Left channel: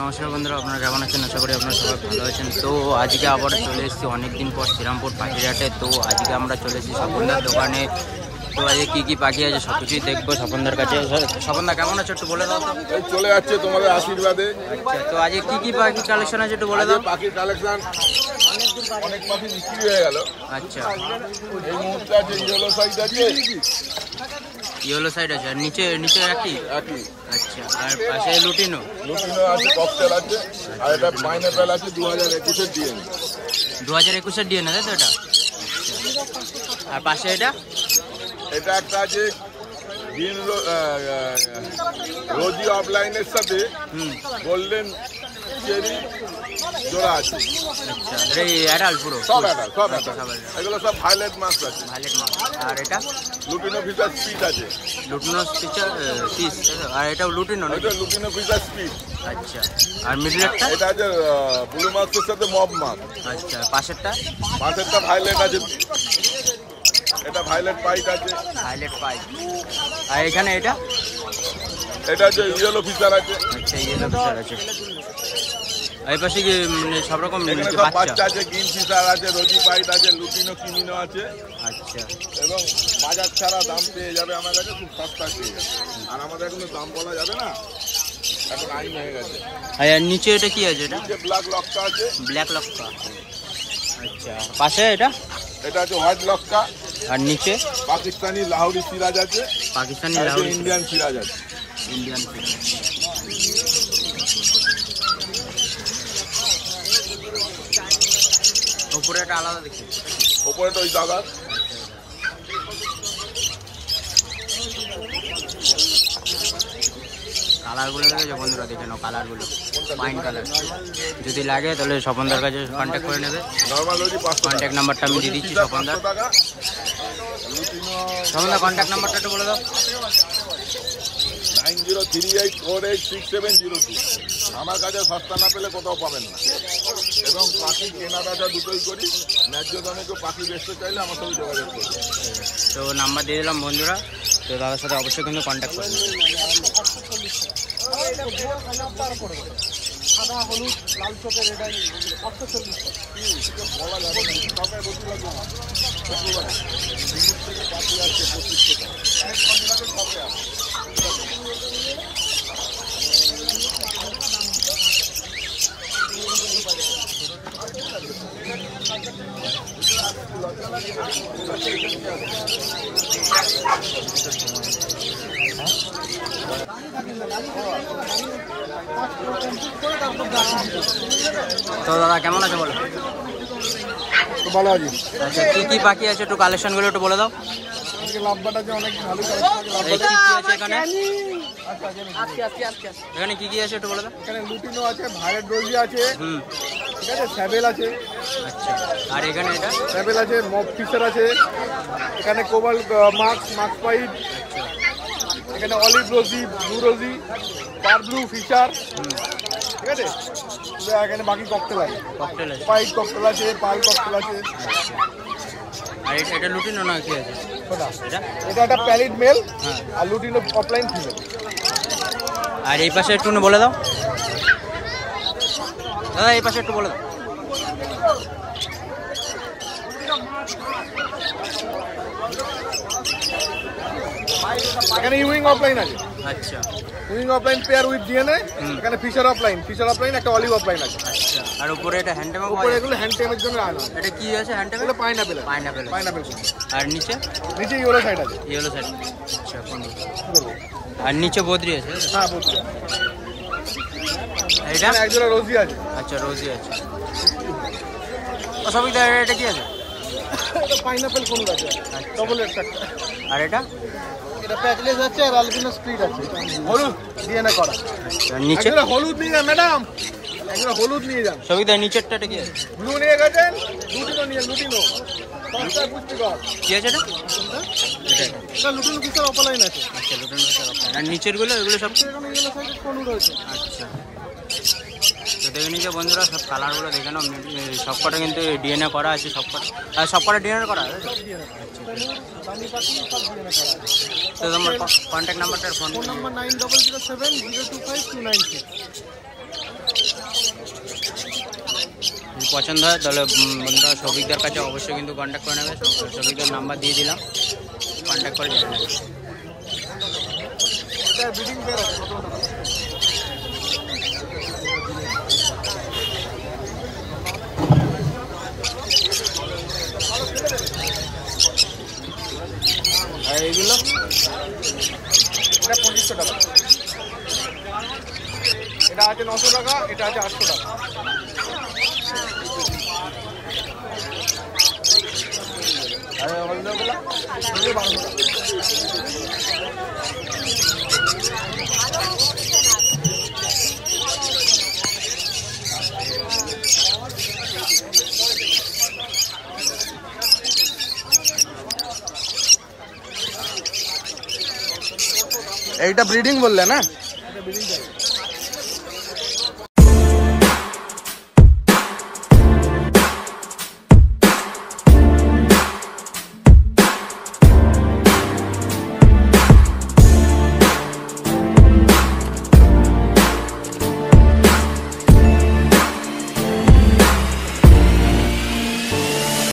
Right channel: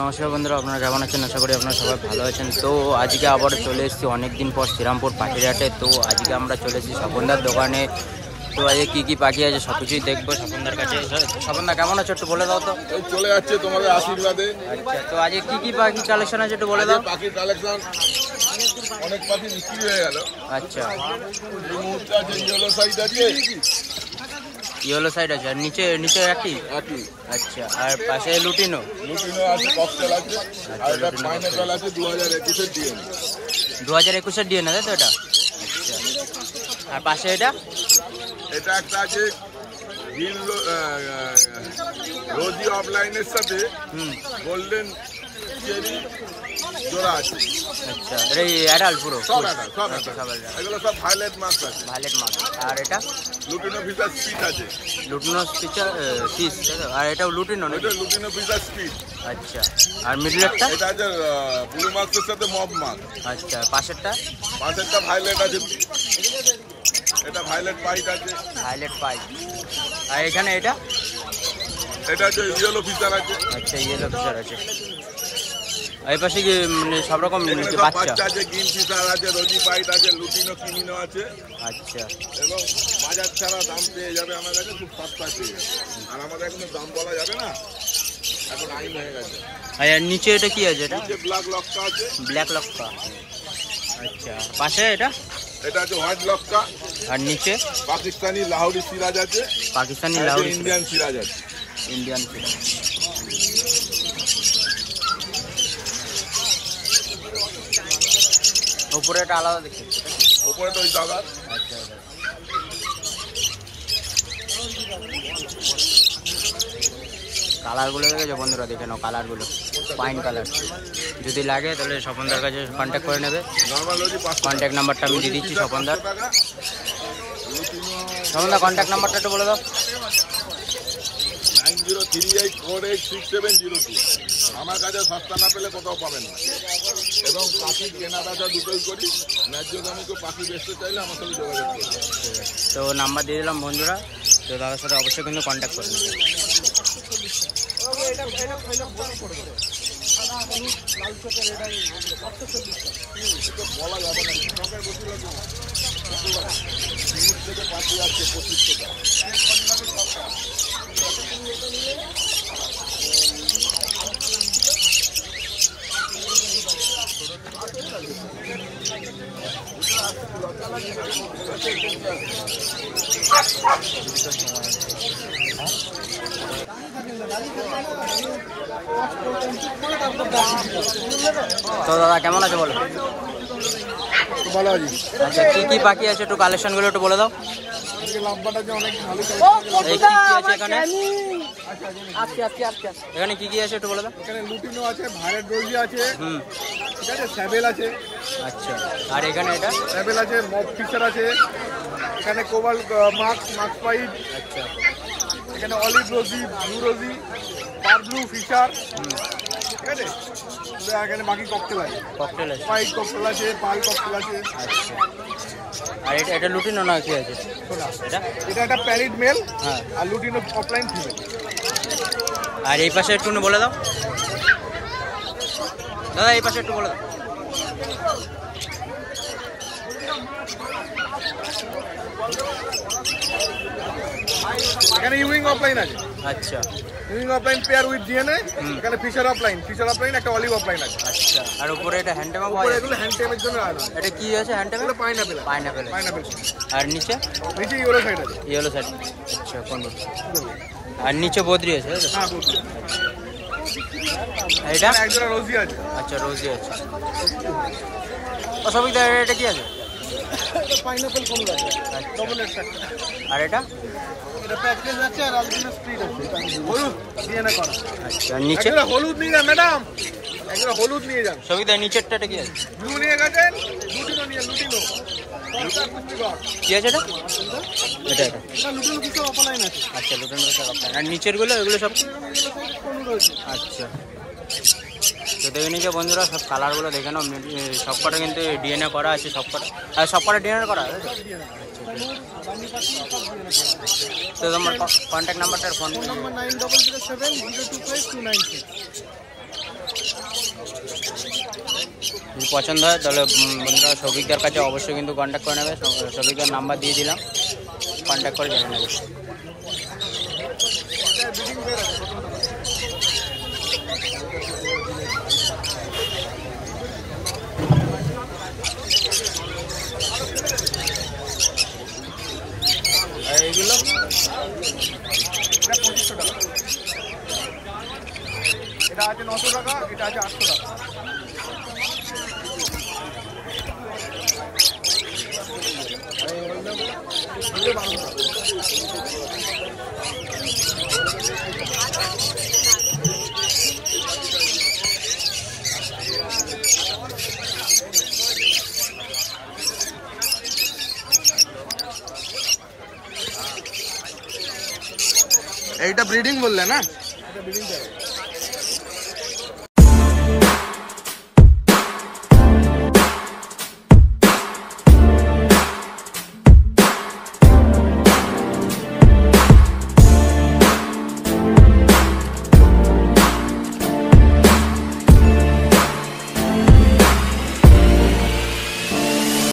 নমস্কার বন্ধুরা, আপনারা কেমন আছেন? আশা করি আপনারা সবাই ভালো আছেন। তো আজকে আবার চলে এসেছি অনেকদিন পর শ্রীরামপুর পাখির হাটে। তো আজকে আমরা চলে এসেছি স্বপনদার দোকানে। তো আজকে কি কি পাখি আছে সব কিছুই দেখবো স্বপনদার কাছে। স্বপনদা কেমন আছো একটু বলে দাও তো। এই চলে যাচ্ছে তোমাদের আশীর্বাদে। আচ্ছা, তো আজকে কি কি পাখি কালেকশন আছে একটু বলে দাও। পাখির কালেকশন অনেক পাখি বিক্রি হয়ে গেল। আচ্ছা, এই মুহূর্তে আছে ইয়েলো সাইড আছে, ইয়েলো সাইড আছে, আর নিচে নিচে একই। আচ্ছা, আর পাশে লুটিনো আছে, ককটেল আছে, আর এটা পাইনাপেল আছে 2021-এর ডিএনএ। 2021-এর ডিএনএ তাই তো এটা? আচ্ছা, আর পাশে এটা একটা আছে গ্রিন রোজি অফলাইনের সাথে গোল্ডেন চেরি জোড়া আছে। আচ্ছা, এটা অ্যাডাল্ট পুরো সব আচ্ছা, সব এগুলো সব ভায়োলেট মাছ আছে। ভায়োলেট মাছ। আর এটা লুটিনো ফিচার স্টিচ আছে। লুটিনো ফিচার পিস, আর এটাও লুটিনো নাকি? এটা লুটিনো ফিচার স্টিচ। আচ্ছা, আর মিডলেরটা? এটা আছে ব্লু মাছের সাথে মব মাছ। আচ্ছা, পাশেরটা ভায়োলেট আছে, এটা ভায়োলেট পাইট আছে। ভায়োলেট পাইট। আর এখানে এটা আছে ইয়েলো ফিচার আছে। আচ্ছা, ইয়েলো ফিচার আছে। এই পাশে কি মানে সব রকম বাচ্চা আছে, গ্রিন ফিচার আছে, রোজি পাইট আছে, লুটিনো কিমিনো আছে। আচ্ছা, এবং বাজার ছাড়া দাম পেয়ে যাবে আমার কাছে, খুব সস্তা পেয়ে যাবে। আর আমাদের এখন দাম বলা যাবে না, এখন আইন হয়ে গেছে। আর নিচে এটা কি আছে? এটা ব্ল্যাক লক্কা আছে। ব্ল্যাক লক্কা। আচ্ছা, পাশে এটা আছে হোয়াইট লক্কা। আর নিচে পাকিস্তানি লাহোরি সিরাজ আছে। পাকিস্তানি লাহোরি, ইন্ডিয়ান সিরাজ আছে। ইন্ডিয়ান সিরাজ। উপরে এটা আলাদা দেখতে, উপরে তো ওই দাদা। আচ্ছা, কালারগুলো দেখেছো বন্ধুরা, দেখে নাও কালারগুলো, পাইন কালার। যদি লাগে তাহলে স্বপনদার কাছে কন্ট্যাক্ট করে নেবে। কন্ট্যাক্ট নাম্বারটা আমি দিয়ে দিচ্ছি স্বপনদার। স্বপনদার কন্ট্যাক্ট নাম্বারটা একটু বলে দাও। 9038486702। আমার কাছে সস্তা না পেলে কোথাও পাবেন না। এবং পাখি কেনা বেচা দুটোই করি। ন্যায্য দামে কেউ পাখি বেচতে চাইলে আমার সাথে যোগাযোগ করবে। তো নাম্বার দিয়ে দিলাম বন্ধুরা, তো দাদার সাথে অবশ্যই কিন্তু কন্ট্যাক্ট করে নেবে। তো দাদা কেমন আছে বলো? ভালো আছি। আচ্ছা, কি কি পাখি আছে একটু কালেকশন গুলো একটু বলে দাও। অনেক ভালো কি কি আছে এখানে? এখানে কি কি আছে একটু বলে দাও। এখানে লুটিনো আছে, ভায়োলেট রোজি আছে, ঠিক আছে, স্যাবেল আছে। আচ্ছা, আর এখানে এটা স্যাবেল আছে, মব ফিচার আছে, এখানে কোবাল মাক্স পাইট। আচ্ছা, এখানে অলিভ রোজি, ব্লু রোজি, পার ব্লু ফিচার, ঠিক আছে। এখানে বাকি ককটেল আছে, পাইট ককটেল আছে, পাল ককটেল আছে। আচ্ছা, আর এটা লুটিনো না কি আছে? এটা একটা প্যারিড মেল, হ্যাঁ, আর লুটিনো অফলাইন ফিমেল। আর এই পাশে একটু বলে দাও দাদা, এই পাশে একটু বলে দাও। এখানে ইউইং অফলাইন আছে। আচ্ছা, wing offline pair with DNA. এখানে ফিশার অফলাইন একটা অলিভ অফলাইন আছে। আচ্ছা, আর উপরে এটা হ্যান্ডটেম হয়? এগুলো হ্যান্ডটেমের জন্য আলাদা। এটা কি আছে হ্যান্ডটেম? এটা পাইনাপেল। আর নিচে ইয়েলো সাইড আছে। Yellow side. আচ্ছা, কোন? আর নিচে বদ্রি আছে? হ্যাঁ, বদ্রি। এটা একজোড়া রোজি আছে। আচ্ছা, রোজি আছে। ও সবই এটা কি আছে? এটা পাইনাপেল কোন আছে, ডবল এক্স আছে। আর এটা প্যাকেজ আছে, আর আলবিনো স্প্লিট আছে, হলুদ ডিএনএ করা। আচ্ছা, নিচে হলুদ নিয়ে যান ম্যাডাম, এগুলো হলুদ নিয়ে যান। সবই নিচেরটা কি আছে? ব্লু নিয়ে গেছেন, লুটিনো নিয়ে লুটিনো কি আছে এটা? এটা লুটিনো ফিচার অফলাইন আছে। আচ্ছা, লুটিনো ফিচার অফলাইন। আর নিচের গুলো এগুলো সব রয়েছে। আচ্ছা, তো দেখে নিয়েছে বন্ধুরা, সব কালারগুলো দেখে নাও। সব কটা কিন্তু ডিএনএ করা আছে, সব কটা ডিএনএ করা আছে। তো তোমার কন্ট্যাক্ট নাম্বারটা, ফোন নাম্বার 9007025296। যদি পছন্দ হয় তাহলে বন্ধুরা সৌভিকদার কাছে অবশ্যই কিন্তু কন্ট্যাক্ট করে নেবে। সৌভিকদার নাম্বার দিয়ে দিলাম, কন্ট্যাক্ট করে জেনে নেবে। এইগুলো এটা 2500 টাকা, এটা আছে 900 টাকা, এটা আছে 800 টাকা। এইটা ব্রিডিং বললে না, এটা ব্রিডিং চাই।